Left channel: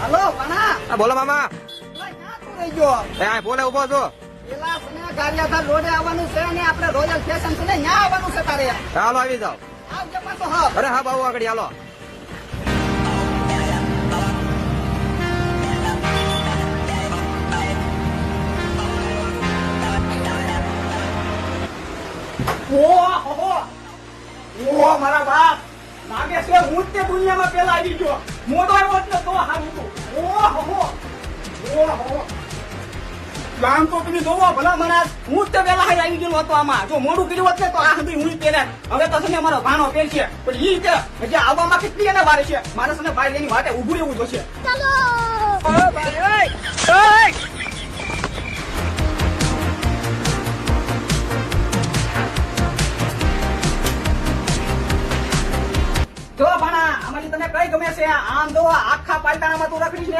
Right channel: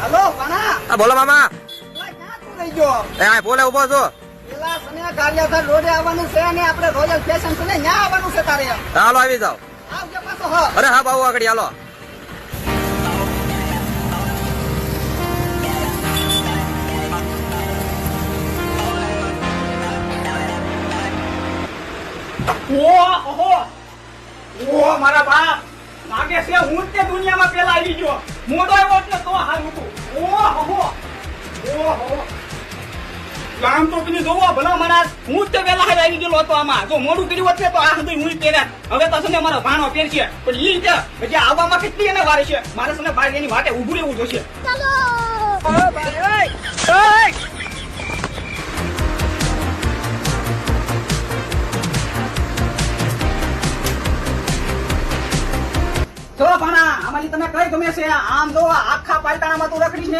હાલો પાણા બોલો મામા. થઈ ગયો એ બોલે ઉભો છો. પેલા સને ગાલિયાઘાટ રોડે આવવાનું છે અને આપણે રોયલ સ્ટેશન થી ન્યા આવવાનું છે તારે. હાલો આવી જાઓ. આવજો પાછો. હા અરે હા બાબુ આગળ હાલો. ઓહો મારા બાપ લાગે છે હું જ તે દુનિયામાં પેલા આવી ગયો. મોટો આવ્યો એટલે તો હારું હતું. ઓહો પ્લાન તો તમે જોવો ભલા મારા હું જ તે પેલા આવી ગયેલો હતો આમાં. જો મોડું કર્યું હોત ને તો આ સુધી હું જ પહેરે. હવે તો છે ને મારો ભાનો પહેરશે પણ ઈ રીતે હજી આવવામાં કેટલી એને વારે છે. મારે છે ને ભાઈ એની વાટે ઉભું રહેવું જોશે. જો ભાણા આમાંથી તને કઈ ગમે છે? આમ જો આખા પાલટાણામાં તું રખડીશ ને